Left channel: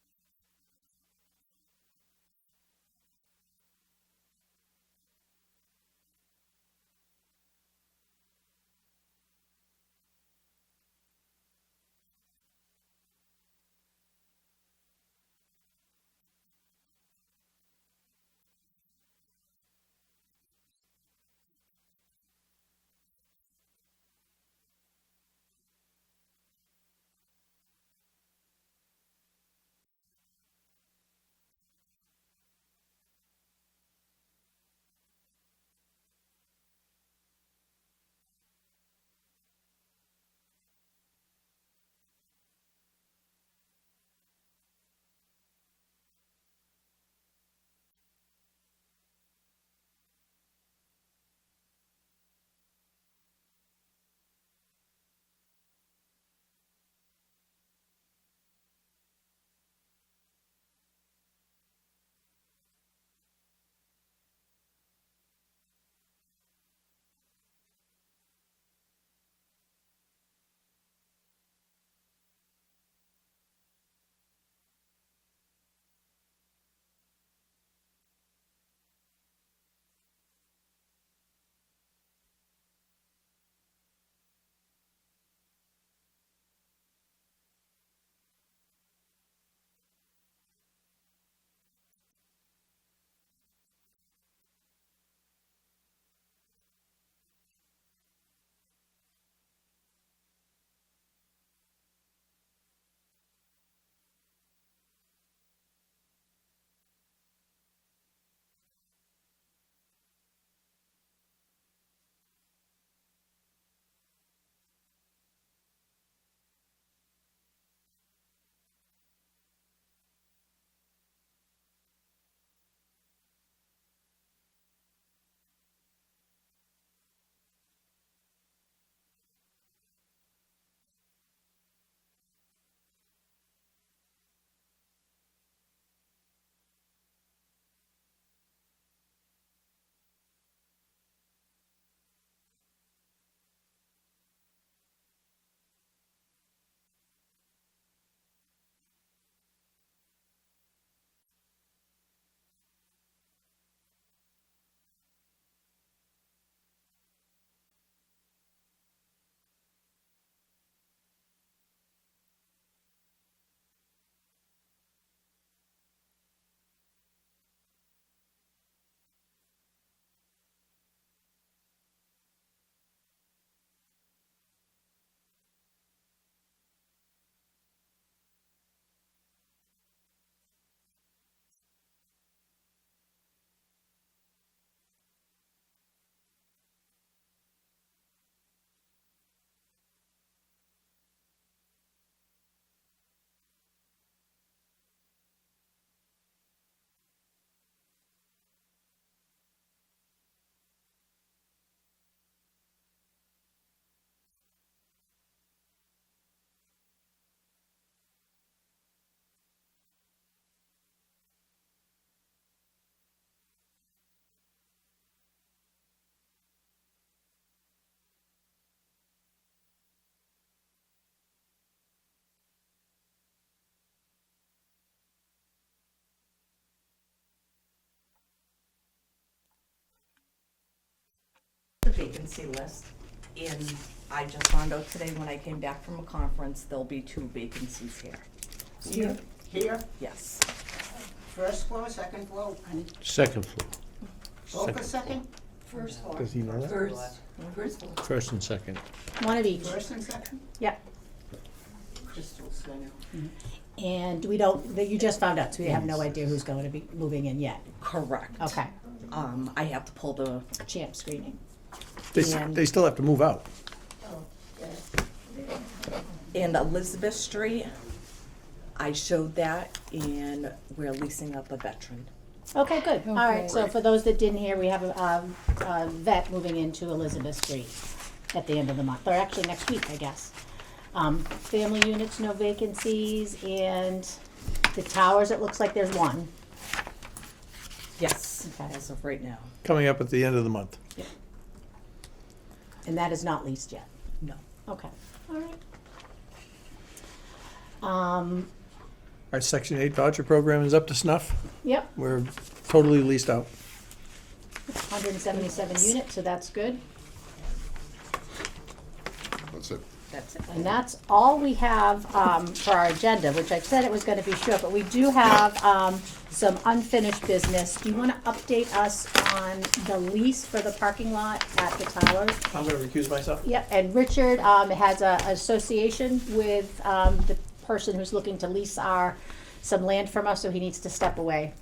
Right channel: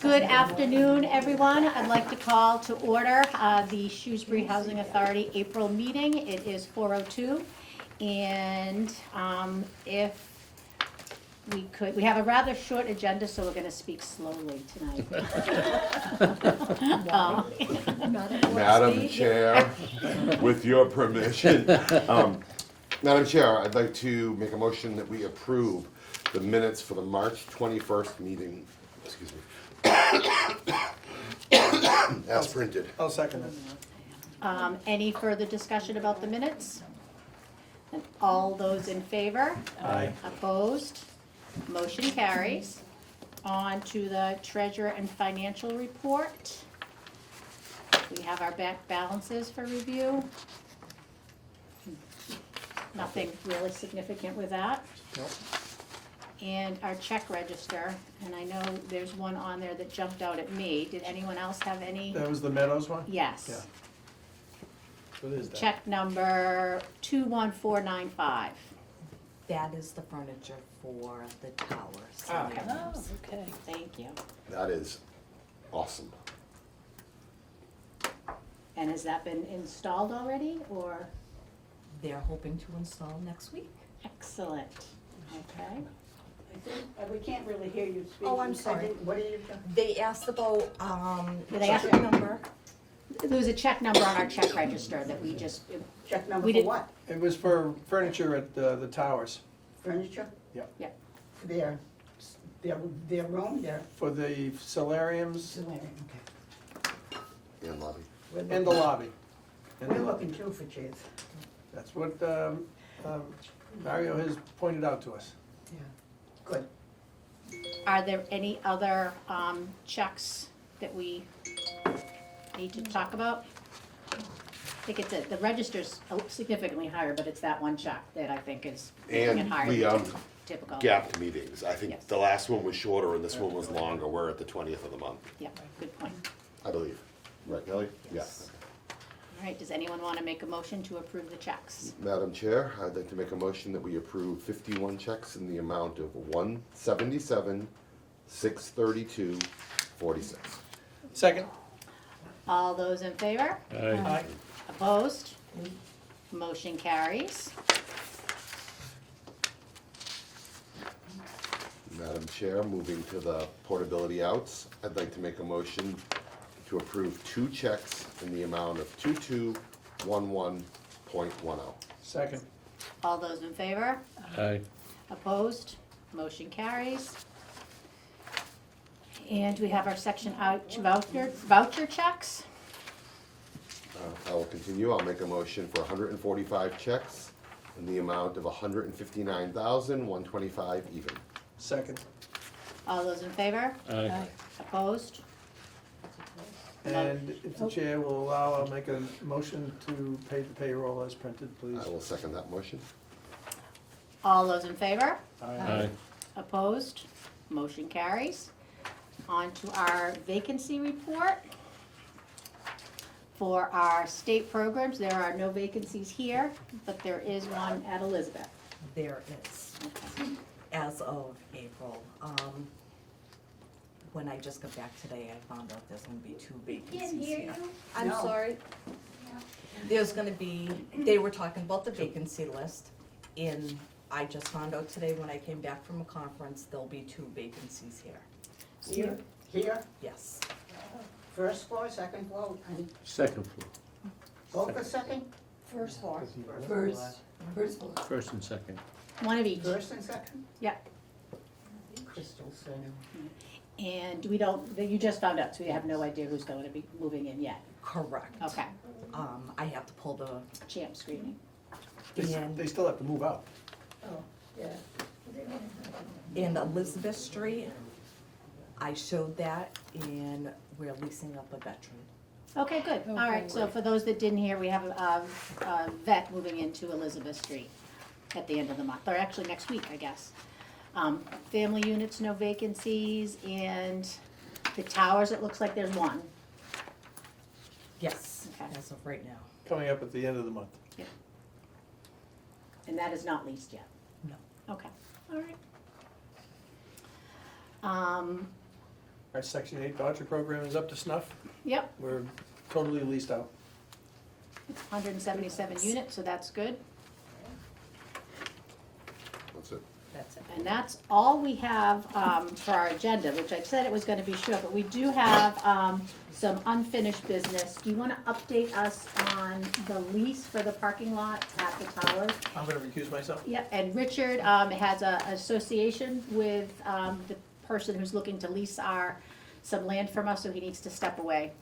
Good afternoon, everyone. I'd like to call to order the Shrewsbury Housing Authority April meeting. It is 4:02, and if we could, we have a rather short agenda, so we're going to speak slowly tonight. Madam Chair, with your permission, Madam Chair, I'd like to make a motion that we approve the minutes for the March 21st meeting, excuse me, as printed. I'll second it. Any further discussion about the minutes? And all those in favor? Aye. Opposed? Motion carries. On to the treasurer and financial report. We have our bank balances for review. Nothing really significant with that. Nope. And our check register, and I know there's one on there that jumped out at me. Did anyone else have any? That was the Meadows one? Yes. Yeah. What is that? Check number 21495. That is the furniture for the towers. Okay. Okay. Thank you. That is awesome. And has that been installed already, or? They're hoping to install next week. Excellent. Okay. We can't really hear you speak. Oh, I'm sorry. What are you, They asked about, They asked- check number. There was a check number on our check register that we just, check number We for did- what? It was for furniture at the towers, Furniture? Yeah. Yeah. Their room, their for the solariums solarium, And lobby. okay. and the lobby. And We're looking too for chairs. That's what Mario has pointed out to us. Good. are there any other checks that we need to talk about? I think it's, the register's significantly higher, but it's that one check that I think is making it And higher we, than typical. gapped meetings. I think Yes. the last one was shorter and this one was longer. We're at the 20th of the month, Yeah, good point. I believe. Right, Kelly? Yes. All right, does anyone want to make a motion to approve the checks? Madam Chair, I'd like to make a motion that we approve 51 checks in the amount of $177,632.46. Second? All those in favor? Aye. Opposed? Motion carries. Madam Chair, moving to the portability outs, I'd like to make a motion to approve 2 checks in the amount of 2211.10. Second. All those in favor? Aye. Opposed? Motion carries. And we have our section out voucher checks. I will continue. I'll make a motion for 145 checks in the amount of $159,125 even. Second. All those in favor? Aye. Opposed? And if the chair will allow, I'll make a motion to pay the payroll as printed, please. I will second that motion. All those in favor? Aye. Opposed? Motion carries. On to our vacancy report. For our state programs, there are no vacancies here, but there is one at Elizabeth. There is, Okay. as of April. When I just got back today, I found out there's gonna be 2 vacancies here. I'm No. sorry. There's gonna be, they were talking about the vacancy list, and I just found out today when I came back from a conference, there'll be 2 vacancies here. Here, Yes. first floor, second floor, and Second floor. both are second? First floor. Does he know that? First floor. First and second. One of each. First and second? Yep. Crystal Center. And we don't, you just found out, so we have no idea who's going to be moving in yet. Correct. Okay. I have to pull the, Champ screening. And- They still have to move out. in Elizabeth Street, I showed that, and we're leasing up a veteran. Okay, good. All right, Okay. so for those that didn't hear, we have a vet moving into Elizabeth Street at the end of the month, or actually next week, I guess. Family units, no vacancies, and the towers, it looks like there's one. Yes, Okay. as of right now. Coming up at the end of the month. And that is not leased yet? No. Okay, all right. Our Section 8 voucher program is up to snuff. Yep, We're totally leased out. 177 units, so that's good. That's it. That's it. And that's all we have for our agenda, which I said it was gonna be short, but we do have some unfinished business. Do you wanna update us on the lease for the parking lot at the tower? I'm gonna recuse myself. Yep, and Richard has a association with the person who's looking to lease some land from us, so he needs to step away.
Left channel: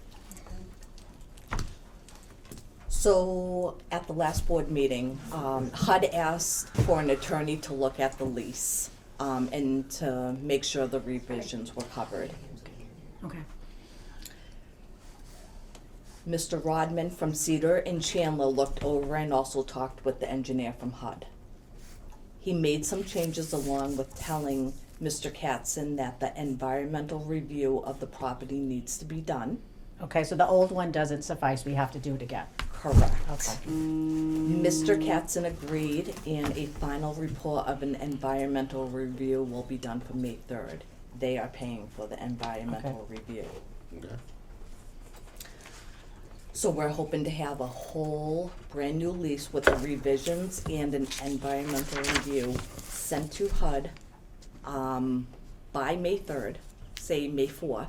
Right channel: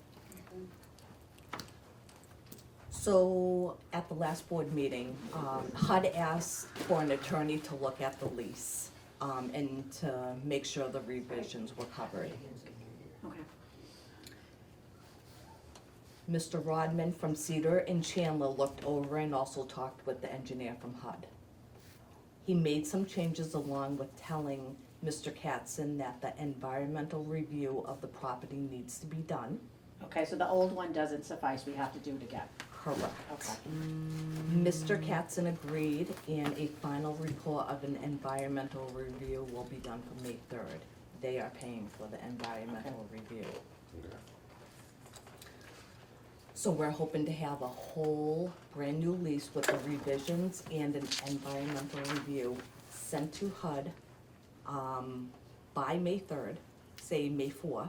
So, at the last board meeting, HUD asked for an attorney to look at the lease, and to make sure the revisions were covered. Okay. Mr. Rodman from Cedar and Chandler looked over and also talked with the engineer from HUD. He made some changes along with telling Mr. Katzen that the environmental review of the property needs to be done. Okay, so the old one doesn't suffice, we have to do it again. Correct. Okay. Mr. Katzen agreed, and a final report of an environmental review will be done for May 3rd. They are paying for the environmental review. Okay. So we're hoping to have a whole brand new lease with the revisions and an environmental review sent to HUD, by May 3rd, say May 4th.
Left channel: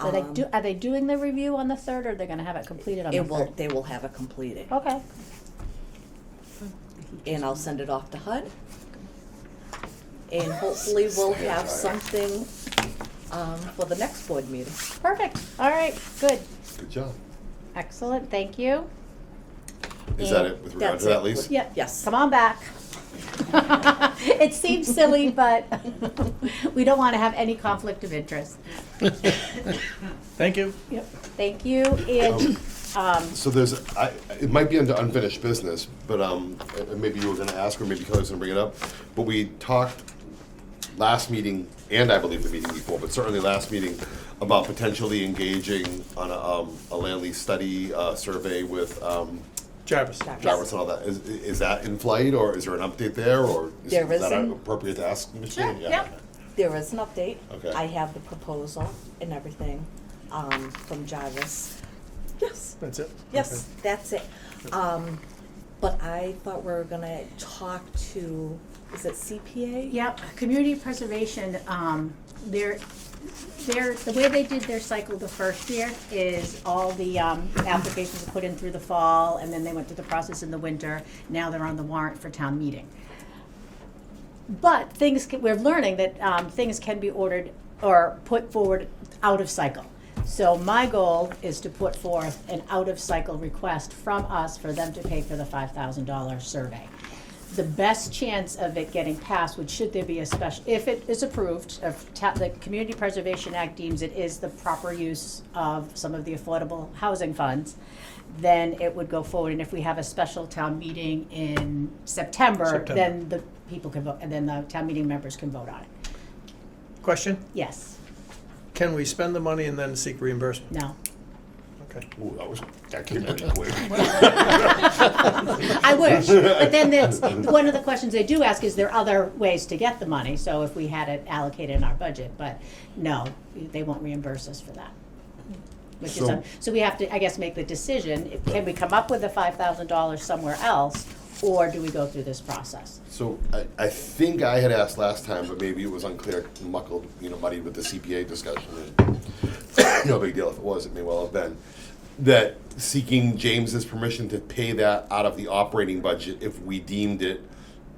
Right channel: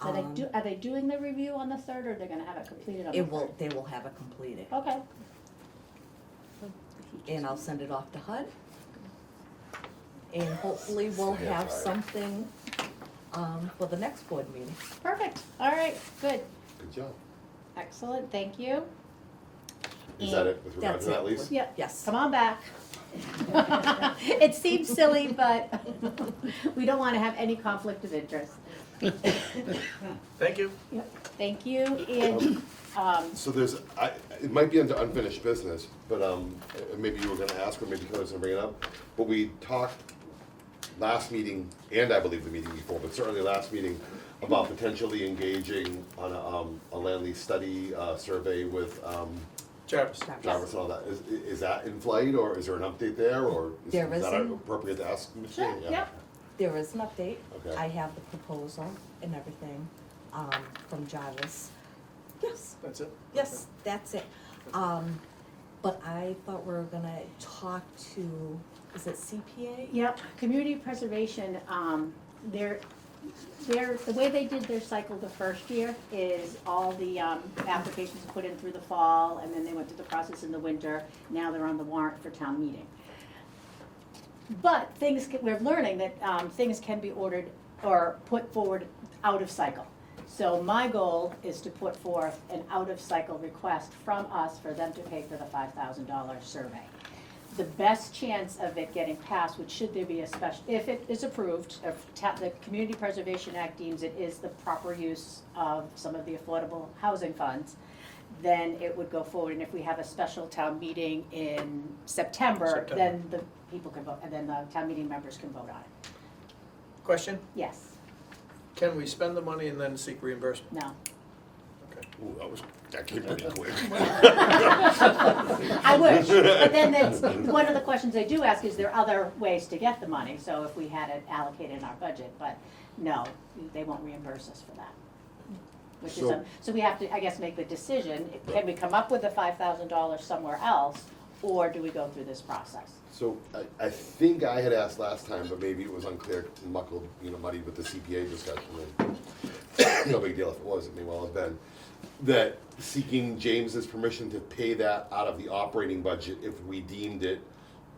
So are they doing the review on the 3rd, or they're gonna have it completed on the 3rd? They will have it completed, Okay, and I'll send it off to HUD. And hopefully we'll have something, for the next board meeting. perfect, all right, good, Good job. excellent, thank you. Is that it with regard That's to that it. lease? Yeah, Yes. come on back. It seems silly, but we don't wanna have any conflict of interest. Thank you. Yep, thank you, and, So it might be under unfinished business, but, and maybe you were gonna ask, or maybe Kelly was gonna bring it up, but we talked last meeting, and I believe the meeting before, but certainly last meeting, about potentially engaging on a land lease study, survey with, Jarvis. Jarvis and all that. Is that in flight, or is there an update there, or is There that isn't. appropriate to ask? Ms. Sure, Cheney? yeah. There is an update. Okay. I have the proposal and everything, from Jarvis. Yes, That's it? yes, that's it. But I thought we were gonna talk to, is it CPA? yep, community preservation, the way they did their cycle the first year is all the, applications were put in through the fall, and then they went through the process in the winter, now they're on the warrant for town meeting. But we're learning that, things can be ordered or put forward out of cycle. So my goal is to put forth an out-of-cycle request from us for them to pay for the $5,000 survey. The best chance of it getting passed should there be a special, if it is approved, if the Community Preservation Act deems it is the proper use of some of the affordable housing funds, then it would go forward, and if we have a special town meeting in September, then the people can vote, and then the town meeting members can vote on it. Question? Yes, Can we spend the money and then seek reimbursement? no. Okay. Ooh, that came pretty quick. I wish, but then one of the questions they do ask is there other ways to get the money, so if we had it allocated in our budget, but no, they won't reimburse us for that. Which is, so we have to, I guess, make the decision, can we come up with the $5,000 somewhere else, or do we go through this process? So I think I had asked last time, but maybe it was unclear, muddled, muddied with the CPA discussion. No big deal if it was, it may well have been. That seeking James's permission to pay that out of the operating budget if we deemed it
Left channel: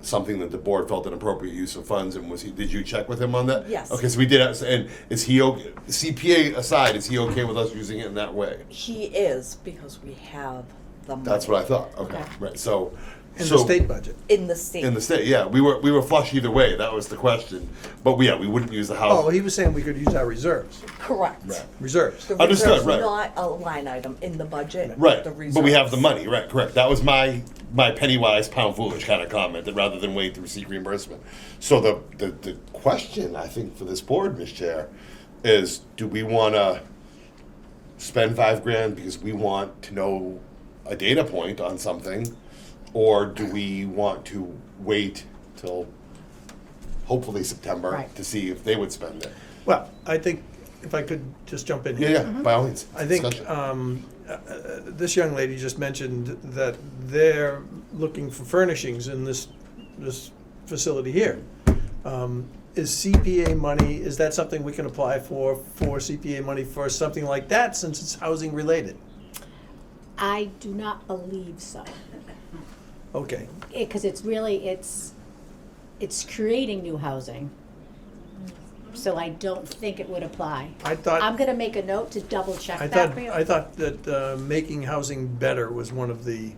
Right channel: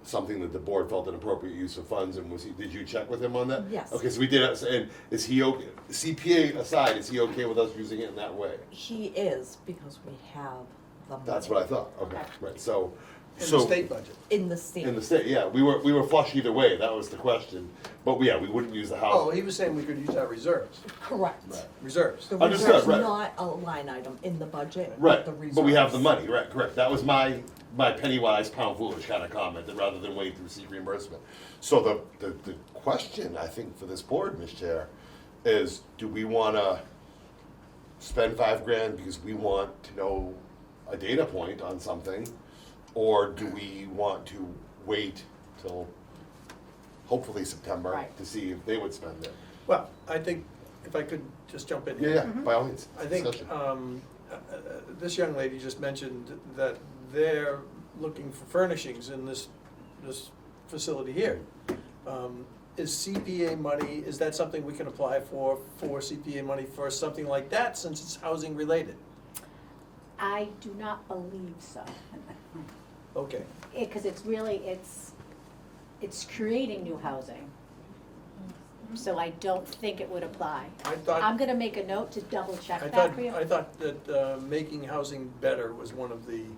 something that the board felt an appropriate use of funds, and did you check with him on that? Yes. Okay, so we did, and is he okay, CPA aside, is he okay with us using it in that way? He is, because we have the money. That's what I thought, okay, Okay. right, so. In the state budget? In the state. In the state, yeah, we were flush either way, that was the question, but we wouldn't use the house. Oh, he was saying we could use our reserves. Correct. Right. Reserves. The Understood, reserve's right. not a line item in the budget, Right, the but we have the reserves. money, right, correct, that was my penny wise, pound foolish kind of comment, that rather than wait through seek reimbursement. So the question, I think, for this board, Ms. Chair, is do we wanna spend $5,000 because we want to know a data point on something? Or do we want to wait till hopefully September, Right. to see if they would spend it. Well, I think, if I could just jump in Yeah, here. yeah, by all means. I think, Discussion. this young lady just mentioned that they're looking for furnishings in this facility here. Is CPA money, is that something we can apply for CPA money for something like that, since it's housing related? I do not believe so. Okay, Because it's really, it's creating new housing. So I don't think it would apply. I thought. I'm gonna make a note to double check I that thought, for you. I thought that making housing better was one of the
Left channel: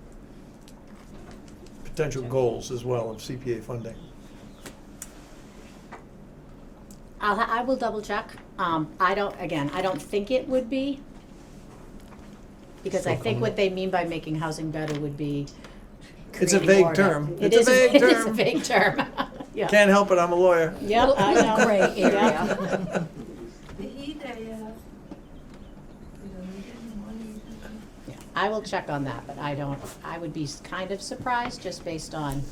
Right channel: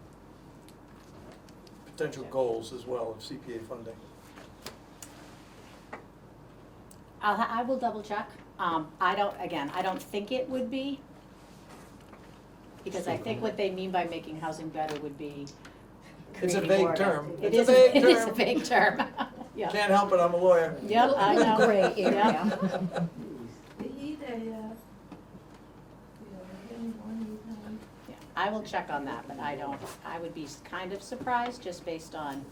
potential goals as well of CPA funding. I will double check. I don't think it would be. Because I think what they mean by making housing better would be It's a creating vague more- term. It It's is, a vague it is a term. vague term. Yeah. Can't help it, I'm a lawyer. Yep, I know. Gray area. Yep. They need a, you know, they're getting money. Yeah, I will check on that, but I would be kind of surprised, just based on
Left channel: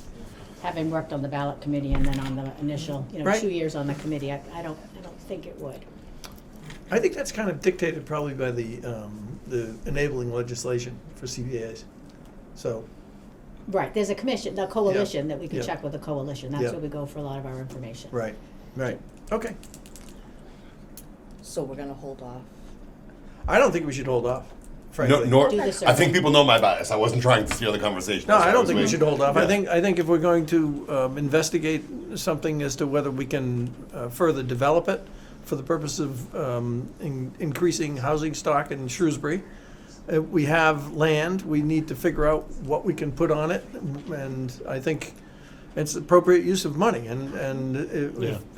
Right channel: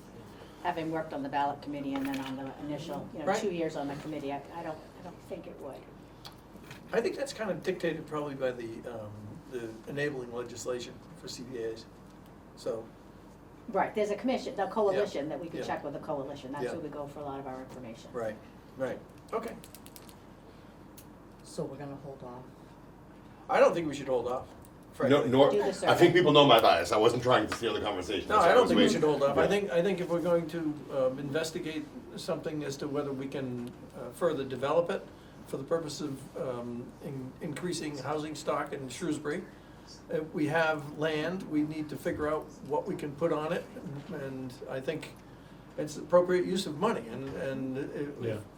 having worked on the ballot committee and then on the initial, Right. 2 years on the committee. I don't think it would. I think that's kind of dictated probably by the enabling legislation for CPAs. So, Right, there's a commission, the coalition, that we Yeah. can check with the coalition. That's Yeah. where we go for a lot of our information. right, okay. So we're gonna hold off. I don't think we should hold off, frankly. No, nor, Do the I survey. think people know my bias. I wasn't trying to steer the conversation. No, so I don't was think we waiting. should hold off. Yeah. I think if we're going to investigate something as to whether we can further develop it for the purpose of increasing housing stock in Shrewsbury, we have land, we need to figure out what we can put on it, and I think it's appropriate use of money, and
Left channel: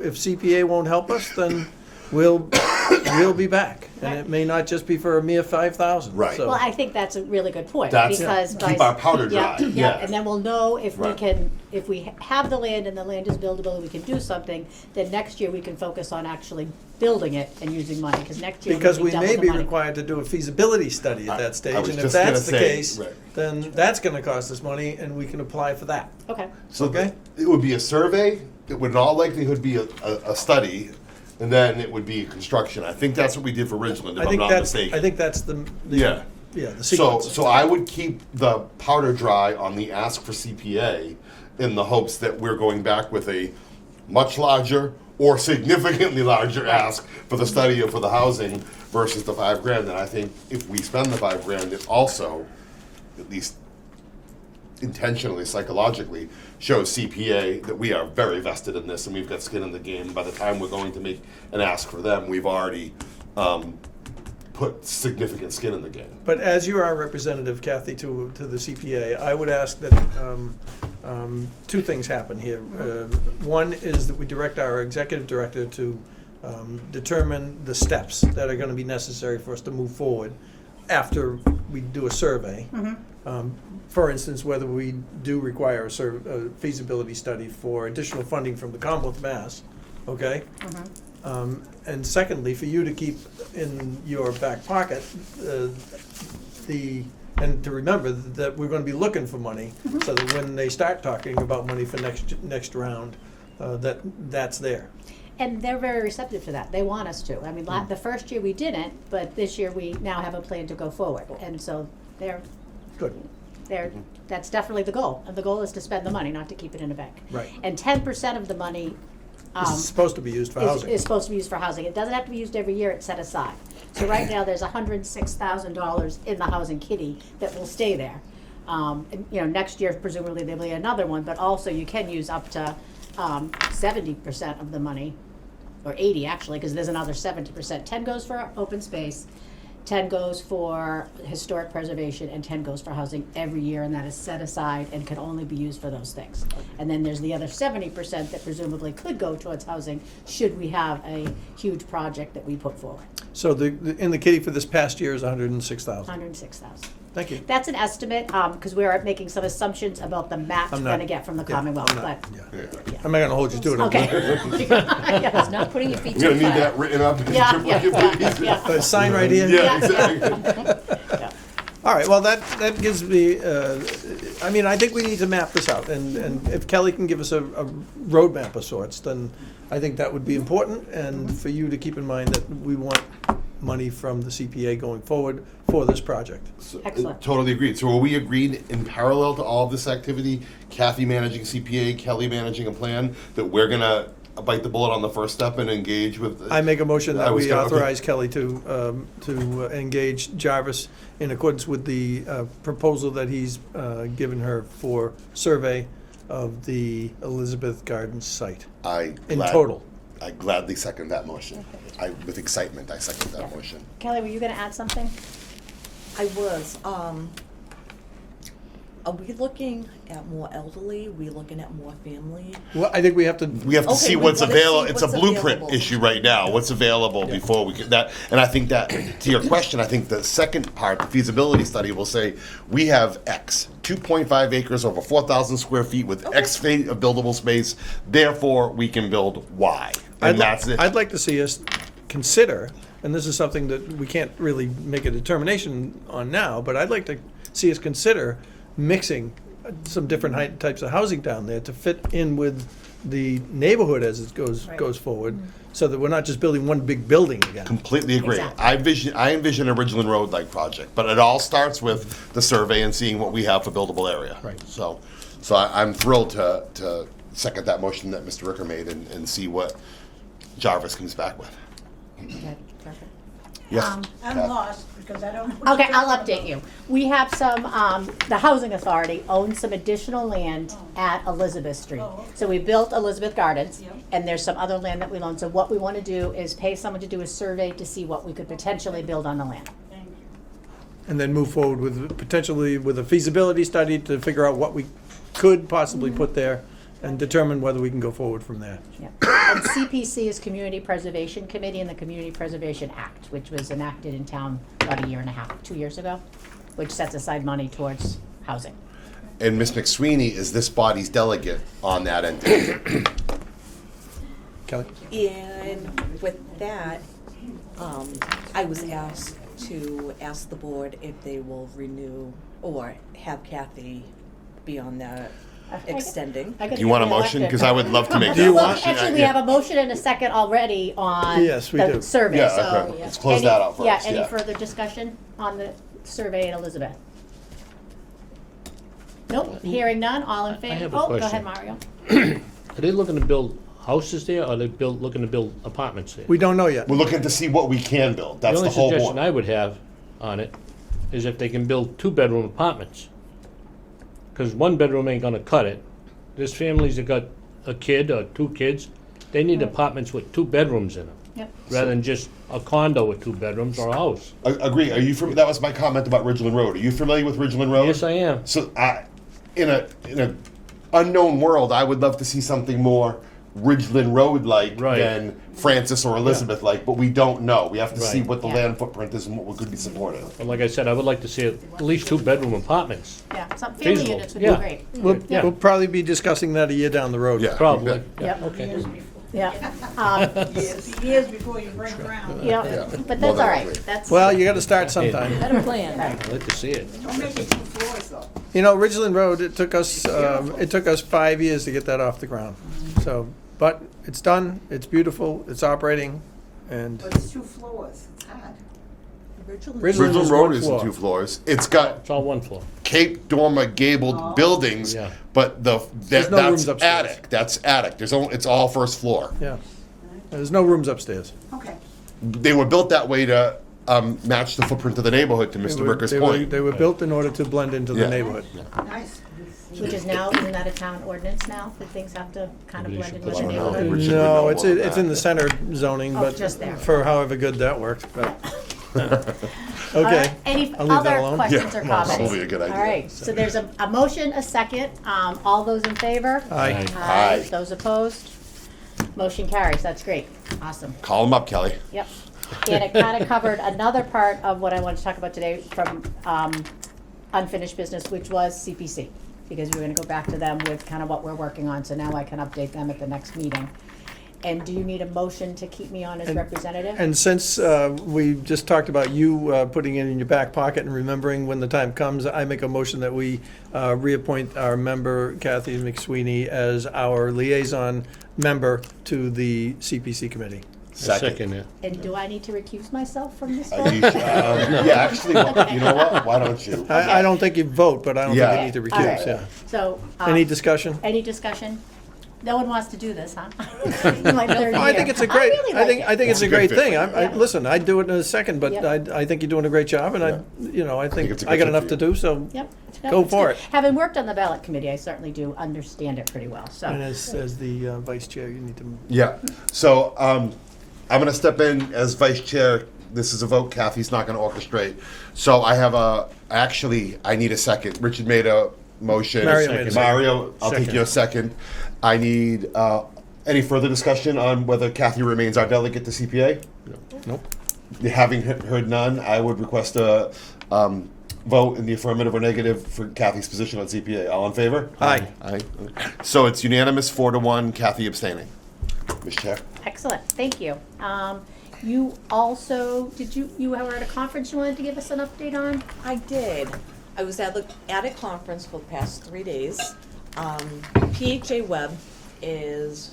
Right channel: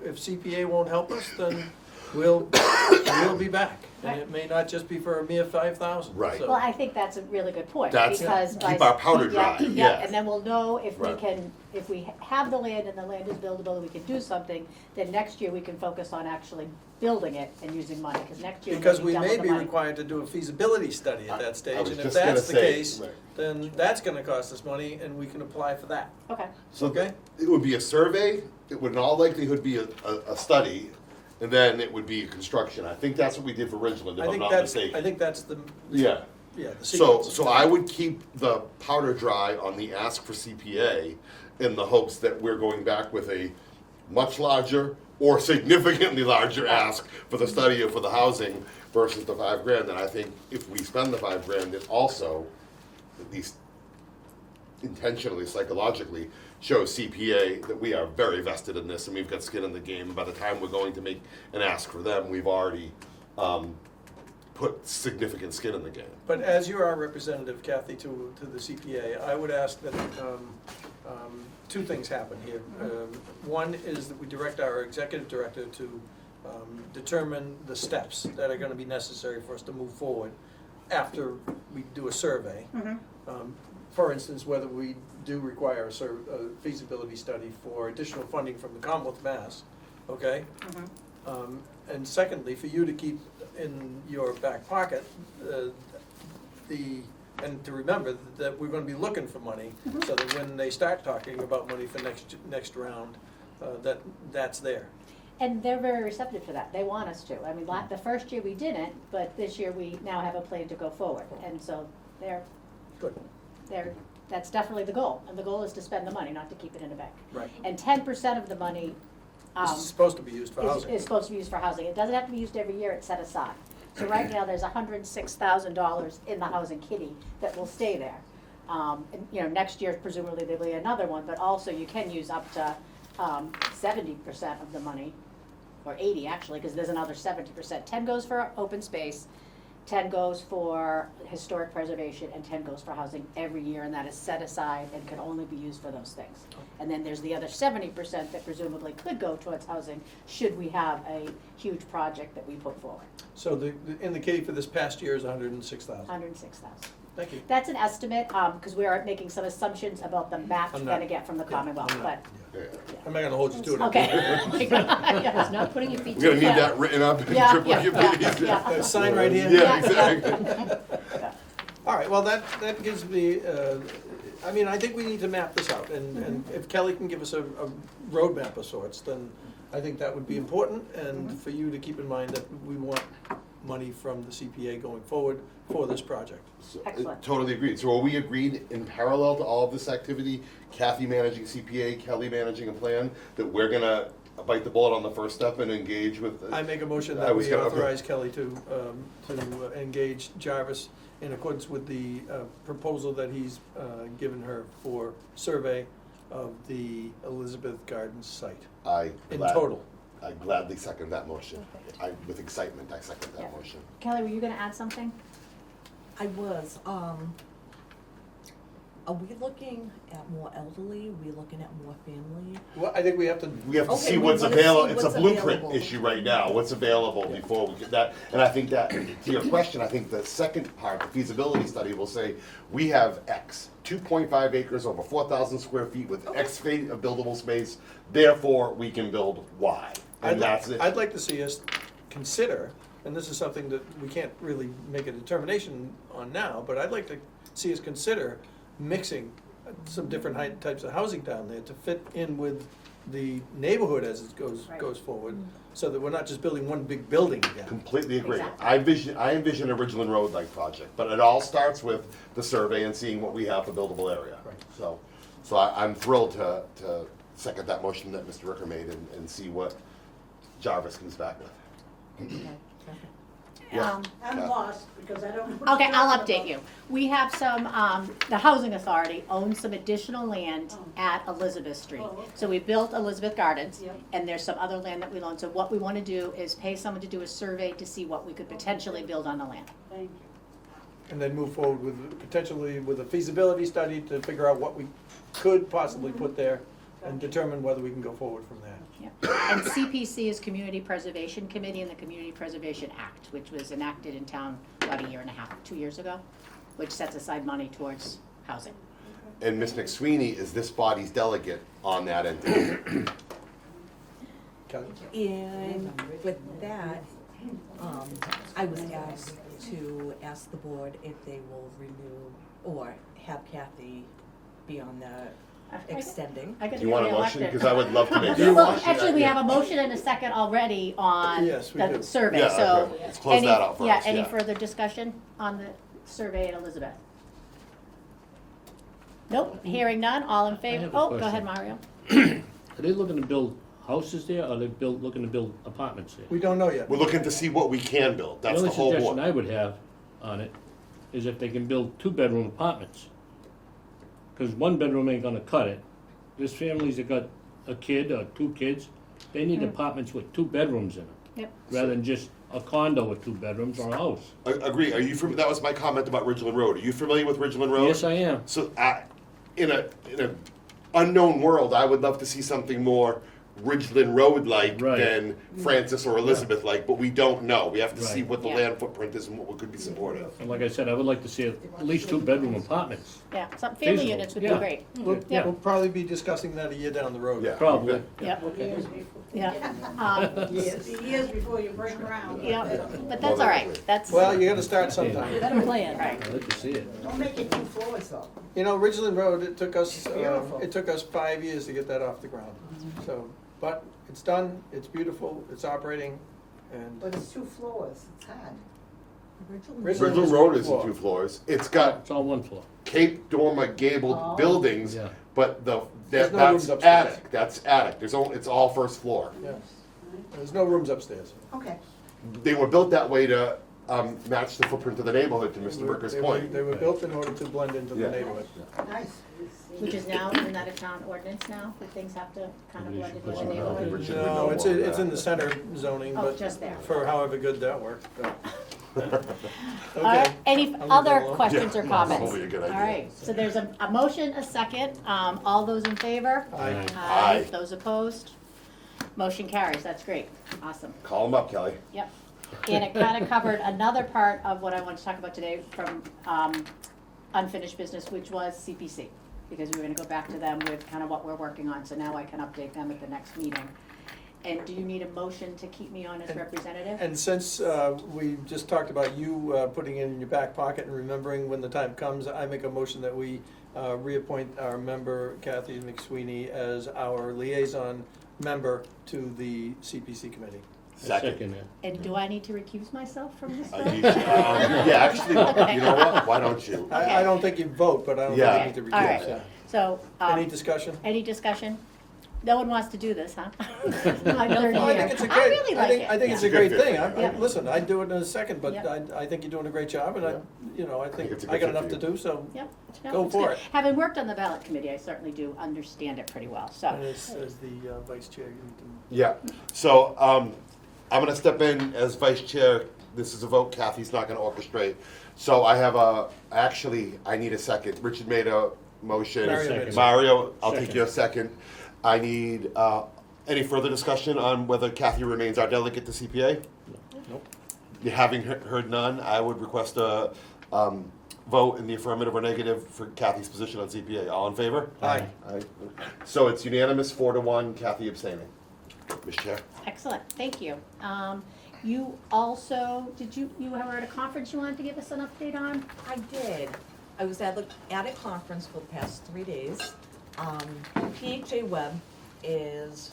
if CPA won't help us, then we'll be back. And it may not just be for a mere 5,000. Right. So- Well, I think that's a really good point, That's- because by. keep our powder dry, yeah. And then we'll know if we Right. can, if we have the land and the land is buildable and we can do something, then next year we can focus on actually building it and using money, because next year Because we'll we be double may the be money. required to do a feasibility study at I that stage, was and if just gonna that's the say, case, right. then that's gonna cost us money, and we can apply for that. Okay, So Okay. it would be a survey, it would in all likelihood be a study, and then it would be construction. I think that's what we did for Ridgeland, I if I'm think not that's, mistaken. I think that's the Yeah. the So, sequence. so I would keep the powder dry on the ask for CPA in the hopes that we're going back with a much larger or significantly larger ask for the study and for the housing versus the $5,000. And I think if we spend the $5,000, it also, at least intentionally, psychologically, shows CPA that we are very vested in this and we've got skin in the game. By the time we're going to make an ask for them, we've already put significant skin in the game. But as you are our representative, Kathy, to the CPA, I would ask that two things happen here. One is that we direct our executive director to determine the steps that are gonna be necessary for us to move forward after we do a survey. For instance, whether we do require a feasibility study for additional funding from the Commonwealth of Mass, okay? And secondly, for you to keep in your back pocket, and to remember that we're gonna be looking for money, so that when they start talking about money for next round, that's there. and they're very receptive to that. They want us to. I mean, the first year we didn't, but this year we now have a plan to go forward, and so they're, Good, that's definitely the goal. And the goal is to spend the money, not to keep it in a bank. right. And 10% of the money, This is supposed to be used for is housing. supposed to be used for housing. It doesn't have to be used every year, it's set aside. So right now, there's $106,000 in the housing kitty that will stay there. And, next year presumably there'll be another one, but also you can use up to 70% of the money, or 80 actually, because there's another 70%. 10 goes for open space, 10 goes for historic preservation, and 10 goes for housing every year, and that is set aside and can only be used for those things. And then there's the other 70% that presumably could go towards housing, should we have a huge project that we put forward. So in the kitty for this past year is 106,000. 106,000. Thank you. That's an estimate, because we are making some assumptions about the match we're I'm not- gonna get from the yeah, Commonwealth, I'm not- but, Yeah. I'm not gonna hold you to it. okay. It's not putting your feet I'm to gonna the need fire. that written up. and Yeah, please. yeah. Sign right here? Yeah, exactly. All right, well, that gives me, I mean, I think we need to map this out, and if Kelly can give us a roadmap of sorts, then I think that would be important, and for you to keep in mind that we want money from the CPA going forward for this project. Excellent. Totally agreed. So are we agreed in parallel to all of this activity, Kathy managing CPA, Kelly managing a plan, that we're gonna bite the bullet on the first step and engage with? I make a motion I that was we gonna- okay. authorize Kelly to engage Jarvis in accordance with the proposal that he's given her for survey of the Elizabeth Gardens site in total. I gladly second that motion. With excitement, I second that motion. Kelly, were you gonna add something? I was, are we looking at more elderly? Are we looking at more family? Well, I think we have to. We have to Okay, see we what's wanna available. see It's a what's blueprint available. issue right now. What's available before we get that? And I think that, to your question, I think the second part, the feasibility study, will say we have X, 2.5 acres over 4,000 square feet with X feet of buildable space. Therefore, we can build Y, and that's it. I'd like to see us consider, and this is something that we can't really make a determination on now, but I'd like to see us consider mixing some different types of housing down there to fit in with the neighborhood as it goes forward, so that we're not just building one big building again. Completely agree. Exactly. I envision a Ridgeland Road-like project, but it all starts with the survey and seeing what we have for buildable area. Right. So I'm thrilled to second that motion that Mr. Ricker made and see what Jarvis comes back with. Yes. I'm Kath. lost because I don't. Okay, I'll update you. We have some, the Housing Authority owns some additional land at Elizabeth Street. Oh, okay. So we built Elizabeth Gardens, Yep. and there's some other land that we own. So what we wanna do is pay someone to do a survey to see what we could potentially build on the land. Thank you. And then move forward with, potentially with a feasibility study to figure out what we could possibly put there and determine whether we can go forward from there. Yeah. And CPC is Community Preservation Committee and the Community Preservation Act, which was enacted in town about a year and a half, 2 years ago, which sets aside money towards housing. And Ms. McSweeney is this body's delegate on that entity. Kelly? And with that, I was asked to ask the board if they will renew or have Kathy be on that extending. I gotta Do you want a get motion? reelected. Because I would love to make Do that you Well, want- motion. actually, we have a motion and a second already on Yes, we the do. survey, Yeah, so. okay. Let's close any- that out Yeah, first, any yeah. further discussion on the survey at Elizabeth? Nope, hearing none, all in favor? have a Oh, go question. ahead, Mario. Are they looking to build houses there, or are they looking to build apartments there? We don't know yet. We're looking to see what we can build. That's the whole only suggestion I board. would have on it is if they can build 2-bedroom apartments. Cause 1 bedroom ain't gonna cut it. There's families that got a kid or 2 kids, they need apartments with 2 bedrooms in them, Yep. rather than just a condo with 2 bedrooms or a house. Agree. Are you? That was my comment about Ridgeland Road. Are you familiar with Ridgeland Road? Yes, I am. So in a unknown world, I would love to see something more Ridgeland Road like Right. than Francis or Elizabeth like, but we don't know. We have to see Right. what the Yeah. land footprint is and what could be supportive. But like I said, I would like to see at least 2-bedroom apartments. Yeah, some family Feasible. units would be Yeah. great. Yeah. We'll probably be discussing that a year down the road. Yeah. Probably. Yep. Okay. Yeah, Years before you break ground. yeah, Yeah. but Well, that's all right, that's that's. Well, you gotta start sometime. Better plan. I'd like to see it. Don't make it 2 floors though. You know, Ridgeland Road, it took us 5 years to get that off the ground. So, but it's done, it's beautiful, it's operating, and But it's 2 floors, it's hard. Ridgeland Ridgeland is Road one isn't floor. 2 floors. It's got It's all 1 floor. Cape dormer gabled buildings, Yeah. but There's that's no rooms upstairs. attic. That's attic. It's all first floor. Yeah. There's no rooms upstairs. Okay. They were built that way to match the footprint of the neighborhood. To Mr. Ricker's point. They were built in order to blend into the Yeah. neighborhood. Nice. Which is now, isn't that a town ordinance now, that things have to kind of Maybe you blend should in with put the one on neighborhood? We should know No, it's more it's in the center zoning, Oh, but just there. for however good that worked, but. All Okay. right, any I'll leave that other alone. questions or Yeah, comments? probably a good idea. All right, so there's a motion, a second, all those in favor? Aye. Aye. Those opposed? Motion carries, that's great, awesome, Call them up, Kelly. yep. And it kind of covered another part of what I wanted to talk about today from unfinished business, which was CPC. Because we were gonna go back to them with kind of what we're working on, so now I can update them at the next meeting. And do you need a motion to keep me on as And- representative? And since we just talked about you putting it in your back pocket and remembering when the time comes, I make a motion that we reappoint our member Kathy McSweeney as our liaison member to the CPC committee. Second it. And do I need to recuse myself from this You vote? should, yeah, actually, you know what? Why don't you? I don't think you vote, but I don't think Yeah. you need to All right. recuse, yeah. So, Any discussion? any discussion? No one wants to do this, huh? My third No, I think year. it's a great, really like it. I think it's a It's a great good fit. thing. Yeah. Listen, I'd do it in a second, but Yep. I think you're doing a great job, and I think it's a I good got fit enough for to do, so. Yep. Go it's for good. it. Having worked on the ballot committee, I certainly do understand it pretty well, so. And as the vice chair, you need to. Yeah, so, I'm gonna step in as vice chair. This is a vote Kathy's not gonna orchestrate. So I have I need a second. Richard made a motion. Mario made a second. Mario, I'll take Second. your second. I need, any further discussion on whether Kathy remains our delegate to CPA? Nope. Having heard none, I would request a, vote in the affirmative or negative for Kathy's position on CPA. All in favor? Aye. Aye. So it's unanimous, 4-1, Kathy abstaining. Ms. Chair? Excellent, thank you. You also, you were at a conference you wanted to give us an update on? I did. I was at a conference for the past 3 days. PHA Web is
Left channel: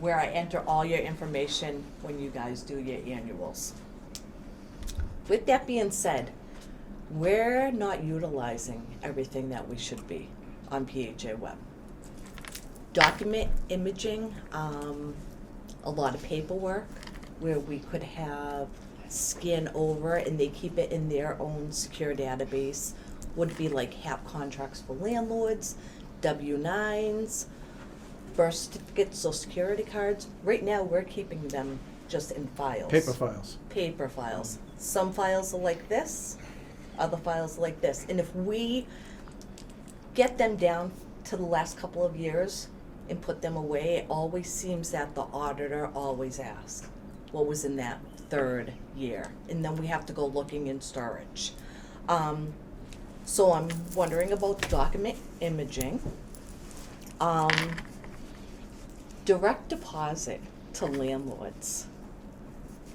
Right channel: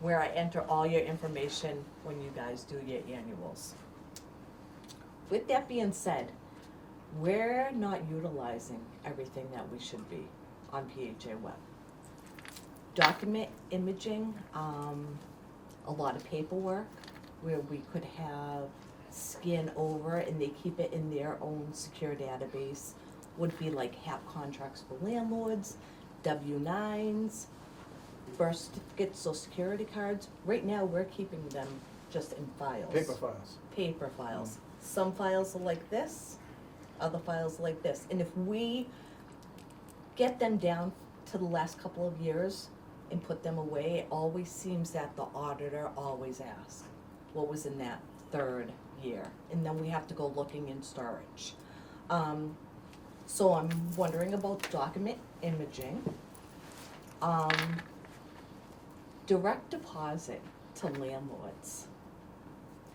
where I enter all your information when you guys do your annuals. With that being said, we're not utilizing everything that we should be on PHA Web. Document imaging, a lot of paperwork where we could have scan over and they keep it in their own secure database, would be like HAP contracts for landlords, W-9s, birth certificates, social security cards. Right now, we're keeping them just in files. Paper files. Paper files. Some files are like this, other files are like this. And if we get them down to the last couple of years and put them away, it always seems that the auditor always asks, what was in that third year? And then we have to go looking in storage. So I'm wondering about document imaging. Direct deposit to landlords.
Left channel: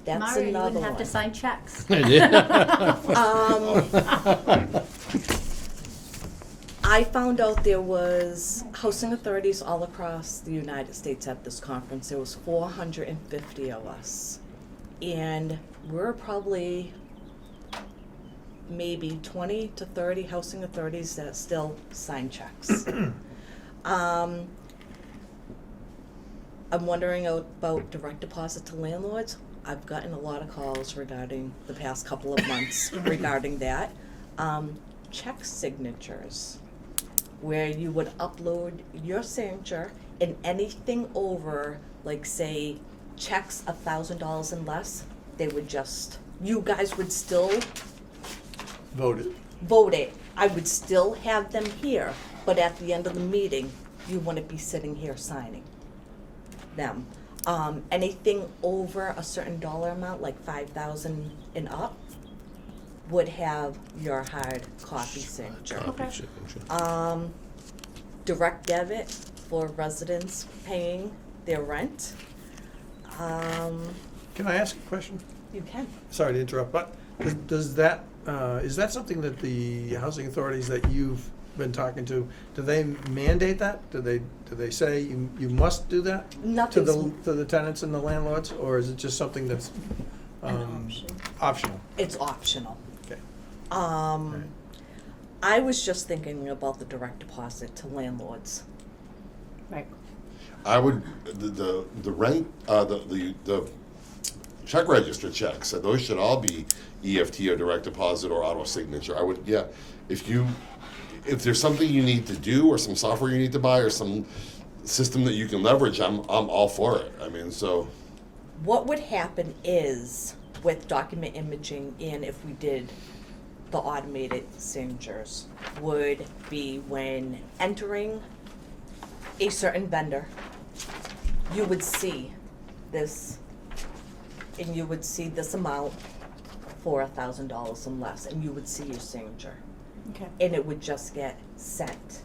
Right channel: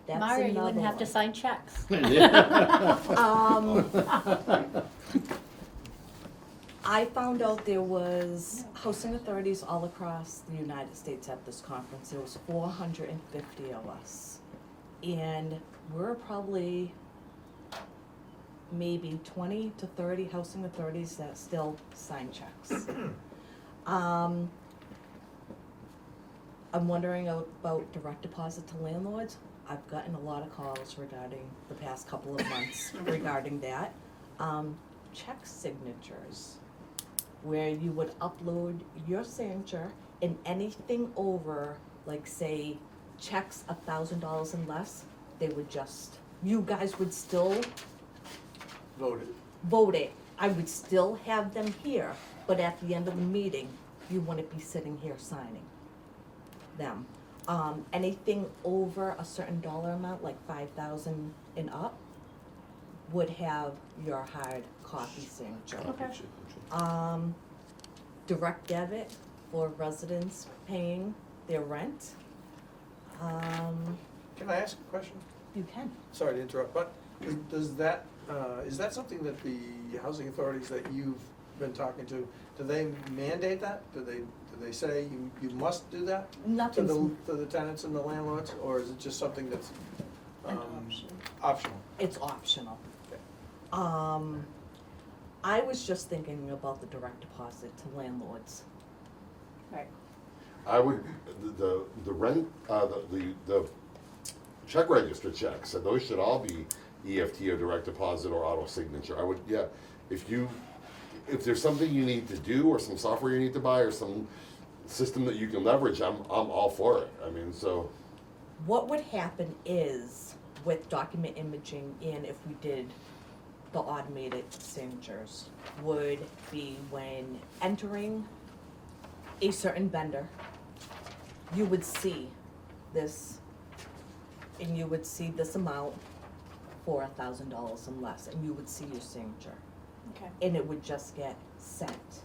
That's Mario, you another wouldn't have to one. sign checks. I found out there was housing authorities all across the United States at this conference. There was 450 of us. And we're probably maybe 20 to 30 housing authorities that still sign checks. I'm wondering about direct deposit to landlords. I've gotten a lot of calls regarding the past couple of months regarding that. Check signatures, where you would upload your signature and anything over, like say, checks $1,000 and less, they would just, you guys would still Voted. vote it. I would still have them here, but at the end of the meeting, you wouldn't be sitting here signing them. Anything over a certain dollar amount, like 5,000 and up, would have your hard copy signature. Direct debit for residents paying their rent. Can I ask a question? You can. Sorry to interrupt, but does that, is that something that the housing authorities that you've been talking to, do they mandate that? Do they say you must do that? Nothing's, To the tenants and the landlords, or is it just something that's optional? it's optional. Okay. I was just thinking about the direct deposit to landlords. Right. I would, the rent, the check register checks, those should all be EFT or direct deposit or auto signature. I would, yeah, if there's something you need to do or some software you need to buy or some system that you can leverage, I'm all for it. I mean, so. What would happen is, with document imaging, and if we did the automated signatures, would be when entering a certain vendor, you would see this, and you would see this amount for $1,000 and less, and you would see your signature, Okay. and it would just get sent.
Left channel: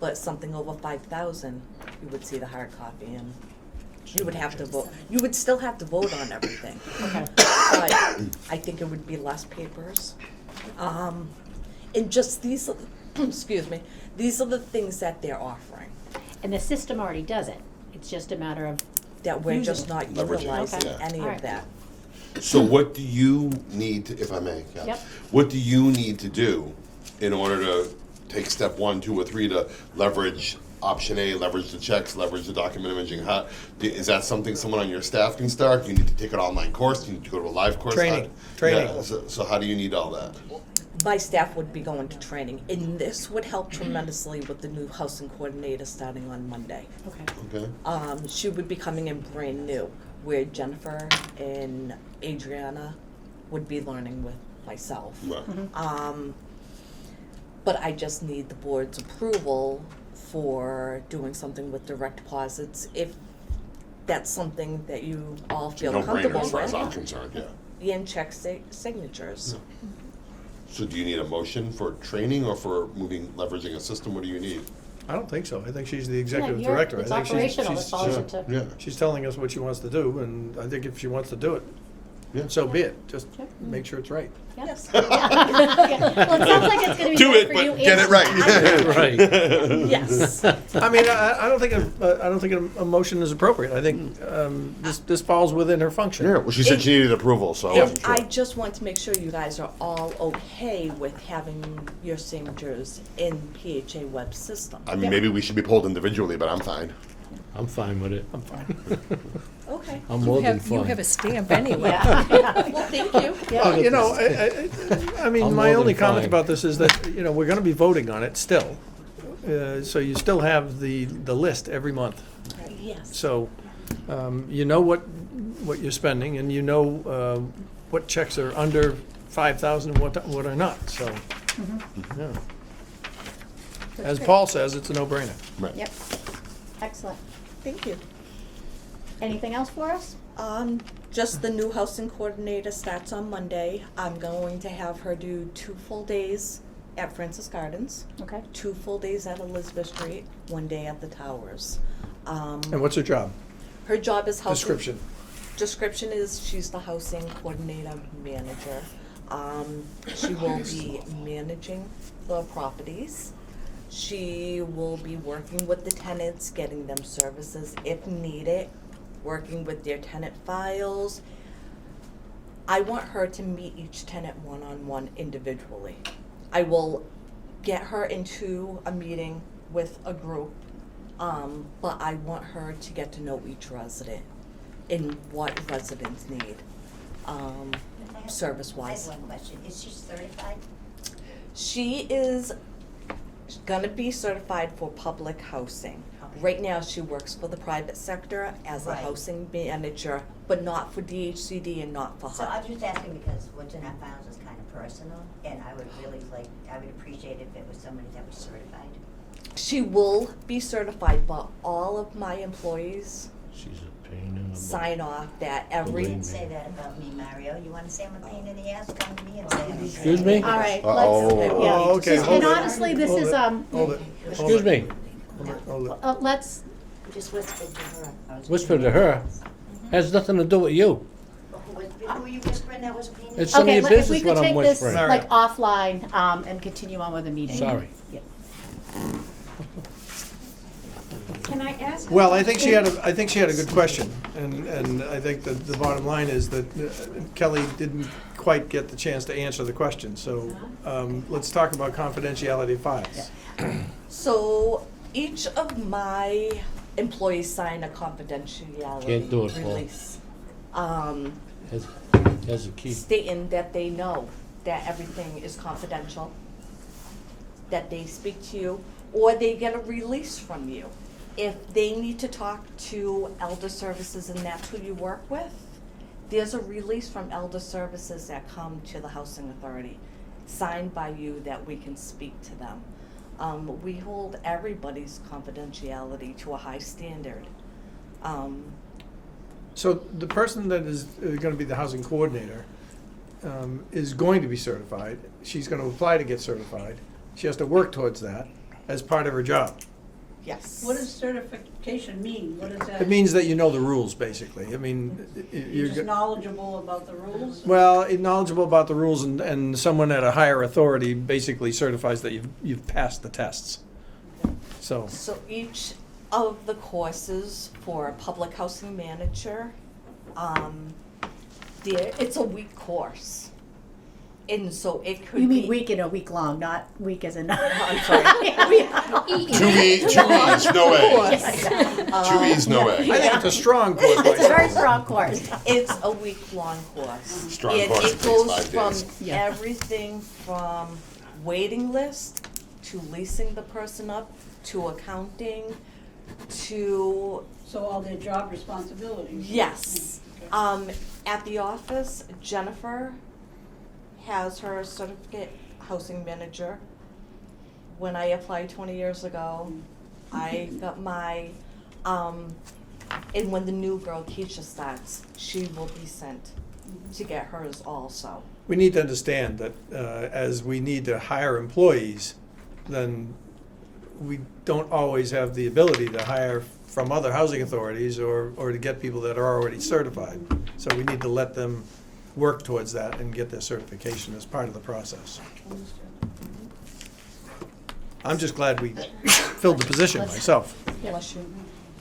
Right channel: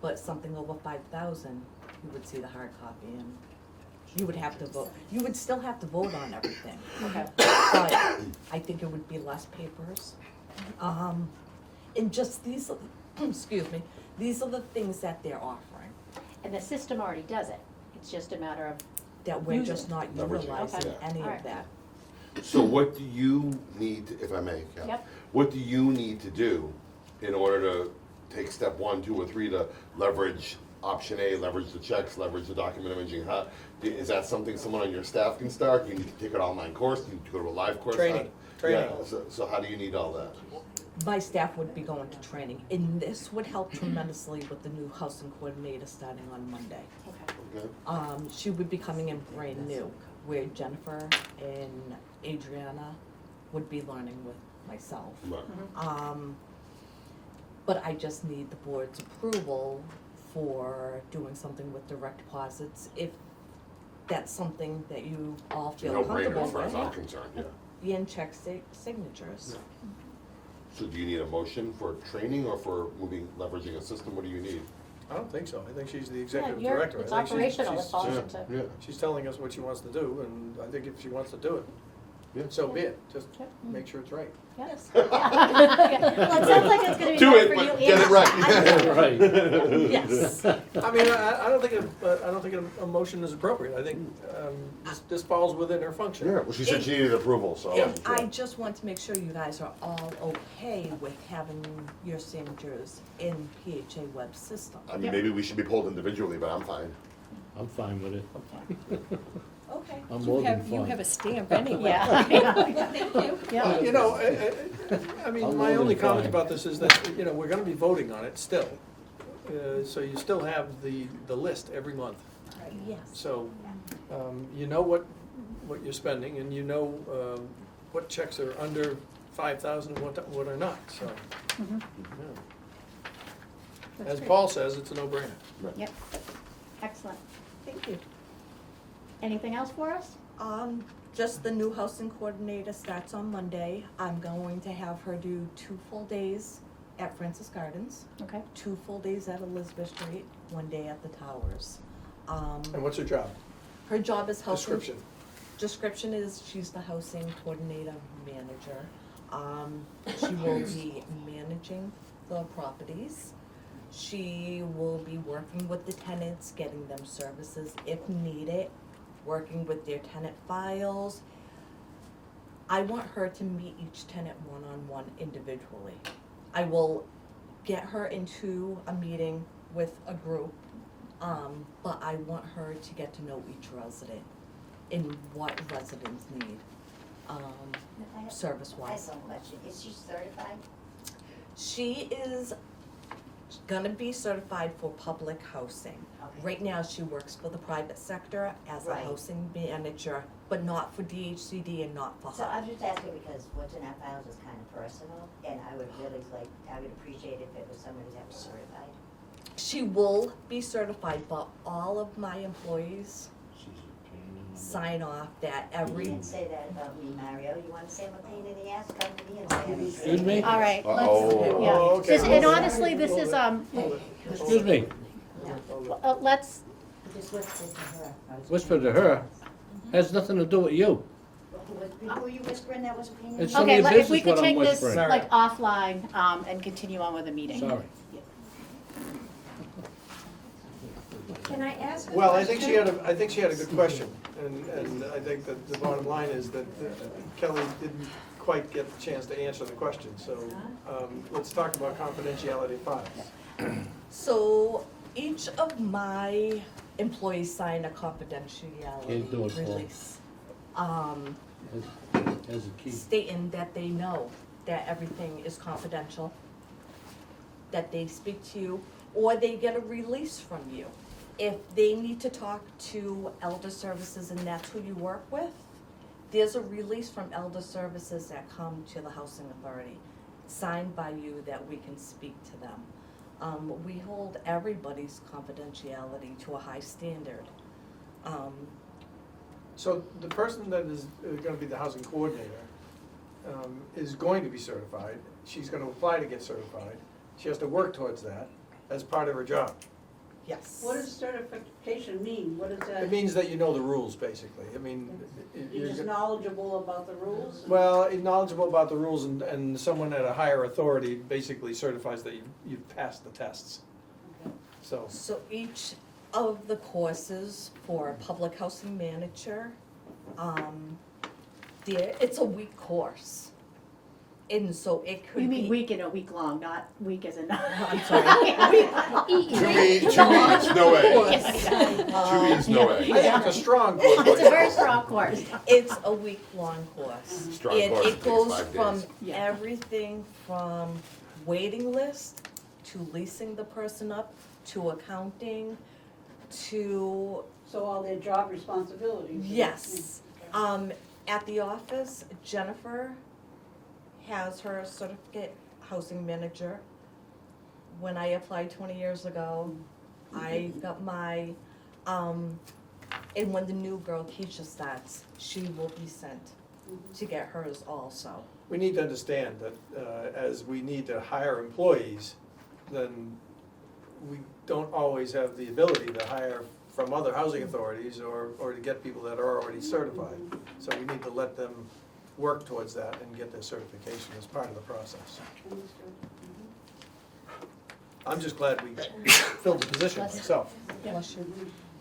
But something over 5,000, you would see the hard copy and You would have to vote, you would still have to vote on everything. Okay. But I think it would be less papers. And just these, excuse me, these are the things that they're offering, And the system already does it. It's just a matter of, that we're just not Leveraging, utilizing okay. any Alright. of that. So what do you need, to, if I may, Kat, Yep. what do you need to do in order to take step 1, 2, or 3 to leverage option A, leverage the checks, leverage the document imaging? How, is that something someone on your staff can start? Do you need to take an online course? Do you need to go to a live course? Training. Yeah, so how do you need all that? My staff would be going to training, and this would help tremendously with the new housing coordinator starting on Monday. okay. Okay. She would be coming in brand new, where Jennifer and Adriana would be learning with myself. Right. But I just need the board's approval for doing something with direct deposits, if that's something that you all feel No brainer comfortable as far as with. I'm concerned, yeah. And check signatures. So do you need a motion for training or for leveraging a system? What do you need? I don't think so. I think she's the executive Yeah, director. it's I think operational, it she's, falls Yeah, into. yeah. she's telling us what she wants to do, and I think if she wants to do it, Yeah. so be it. Just Yeah. make sure it's right. Yes. Well, it sounds like it's gonna be Do right it, for but you. get it right. Right. Yes. I mean, I don't think a motion is appropriate. I think this falls within her function. Yeah, well, she said she needed approval, so I Yeah. wasn't sure. I just want to make sure you guys are all okay with having your signatures in PHA web system. I mean, maybe we should be pulled individually, but I'm fine. I'm fine with it. I'm fine. Okay. I'm more than You fine. have a stamp anyway. Yeah. Well, thank you. Yeah. You know, I mean, I'm my more only than comment fine. about this is that, you know, we're gonna be voting on it still. So you still have the list every month. Yes. So, you know what you're spending, and you know, what checks are under 5,000 and what are not, so, yeah. As Paul says, it's a no-brainer. Right. Yep. Excellent. Thank you. Anything else for us? Just the new housing coordinator starts on Monday. I'm going to have her do 2 full days at Francis Gardens, Okay. 2 full days at Elizabeth Street, 1 day at the Towers. And what's her job? Her job is housing. Description. Description is she's the housing coordinator manager. She will be managing the properties. She will be working with the tenants, getting them services if needed, working with their tenant files. I want her to meet each tenant one-on-one individually. I will get her into a meeting with a group, but I want her to get to know each resident and what residents need, service-wise. I have one question. Is she certified? She is gonna be certified for public housing. Okay. Right now, she works for the private sector as a Right. housing manager, but not for DHCD and not for So I'm HUD. just asking because what's in our files is kind of personal, and I would really like, I would appreciate if it was somebody that was certified. She will be certified, but all of my employees She's a pain in the butt. sign off that every, Believe me. Say that about me, Mario. You wanna say I'm a pain in the ass? Come to me and say I'm a Excuse pain. me? All right, Uh-oh. let's, yeah. Oh, okay, Just- hold And it. honestly, this Hold is, it. Hold it. Excuse me, Hold it. let's, Just whispered to her. I was whisper to her, has nothing to do with you. Who were you whispering that was a pain in the It's ass? some of okay, your let- if business we could what I'm take this whispering. like offline, and continue on with the meeting. Sorry. Yeah. Can I ask? Well, I think she had a good question, and I think that the bottom line is that Kelly didn't quite get the chance to answer the question, so, let's talk about confidentiality of files. so each of my employees sign a confidentiality Can't do it, Paul. release. Has a key. Stating that they know that everything is confidential, that they speak to you, or they get a release from you. If they need to talk to Elder Services and that's who you work with, there's a release from Elder Services that come to the Housing Authority, signed by you that we can speak to them. We hold everybody's confidentiality to a high standard. So the person that is gonna be the housing coordinator is going to be certified. She's gonna apply to get certified. She has to work towards that as part of her job. Yes. What does certification mean? What is that? It means that you know the rules, basically. I mean, You're just knowledgeable about the rules? well, knowledgeable about the rules, and someone at a higher authority basically certifies that you've passed the tests. So, So each of the courses for a public housing manager, it's a week course. And so it could be. You mean week in a week long, not week as in. I'm sorry. Two E's, no A. Two E's, no I A. think it's a strong course. It's a very strong course. It's a week-long course. Strong And course it takes goes 5 from days. Yeah. everything from waiting list to leasing the person up to accounting to, So all their job responsibilities? yes. Okay. At the office, Jennifer has her certificate housing manager. When I applied 20 years ago, I got my, and when the new girl Keisha starts, she will be sent to get hers also. We need to understand that as we need to hire employees, then we don't always have the ability to hire from other housing authorities or to get people that are already certified. So we need to let them work towards that and get their certification as part of the process. I'm just glad we filled the position myself. Unless you,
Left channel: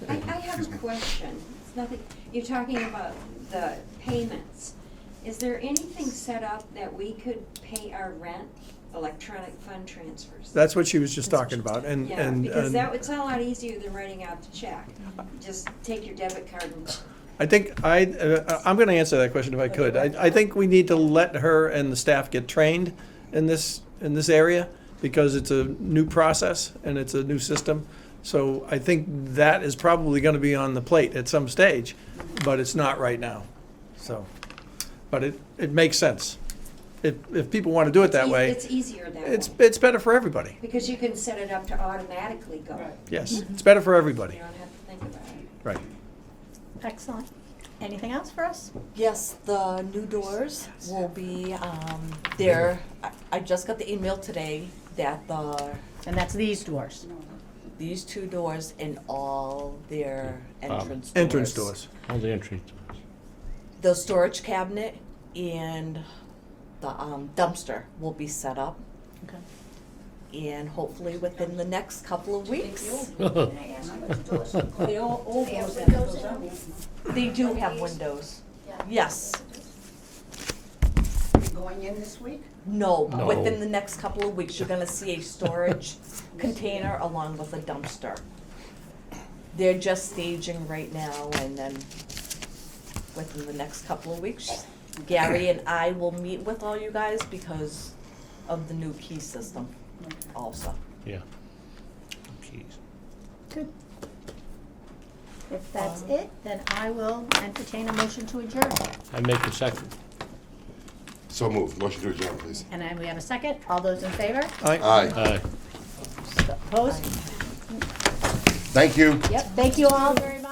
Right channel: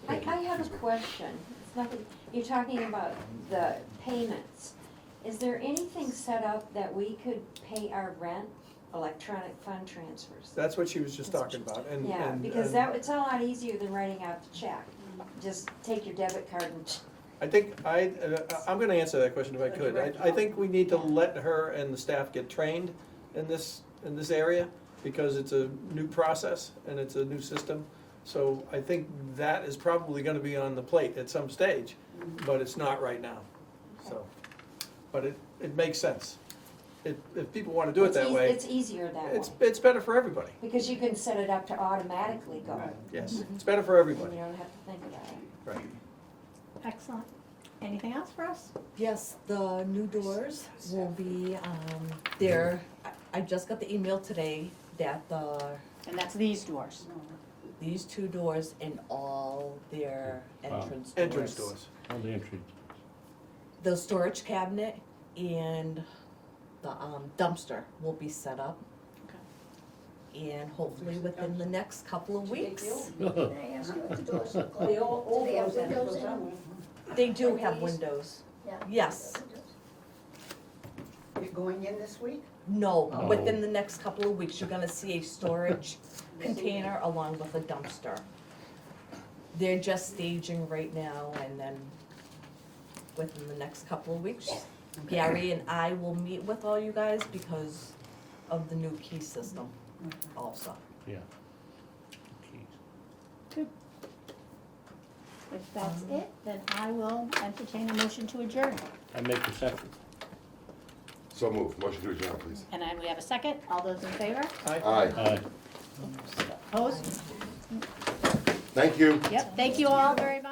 I have a question. It's nothing, you're talking about the payments. Is there anything set up that we could pay our rent, electronic fund transfers? That's what she was just talking about, and, Yeah, and, because and it's a lot easier than writing out the check. Just take your debit card and, I think I'm gonna answer that question if I could. I think we need to let her and the staff get trained in this area, because it's a new process and it's a new system. So I think that is probably gonna be on the plate at some stage, but it's not right now. So, but it makes sense. If people wanna do it that way, it's easier that way. it's better for everybody. Because you can set it up to automatically go. Yes, it's better for You everybody, don't have to think about it. right. Excellent. Anything else for us? yes, the new doors will be, there. I just got the email today that And that's these doors. these 2 doors and all their entrance doors. Entrance doors. All the entry doors. The storage cabinet and the dumpster will be set up, Okay. and hopefully within the next couple of weeks. The old ones have those on. They do have windows. Yes. You're going in this week? No, No. within the next couple of weeks, you're gonna see a storage container along with a dumpster. They're just staging right now, and then within the next couple of weeks, Gary and I will meet with all you guys because of the new key system also. Yeah. Keys. Good. If that's it, then I will entertain a motion to adjourn. I make a second. So moved. Motion to adjourn, please. And then we have a second. All those in favor? Aye. Aye. Opposed? Thank you. Yep, thank you all very much.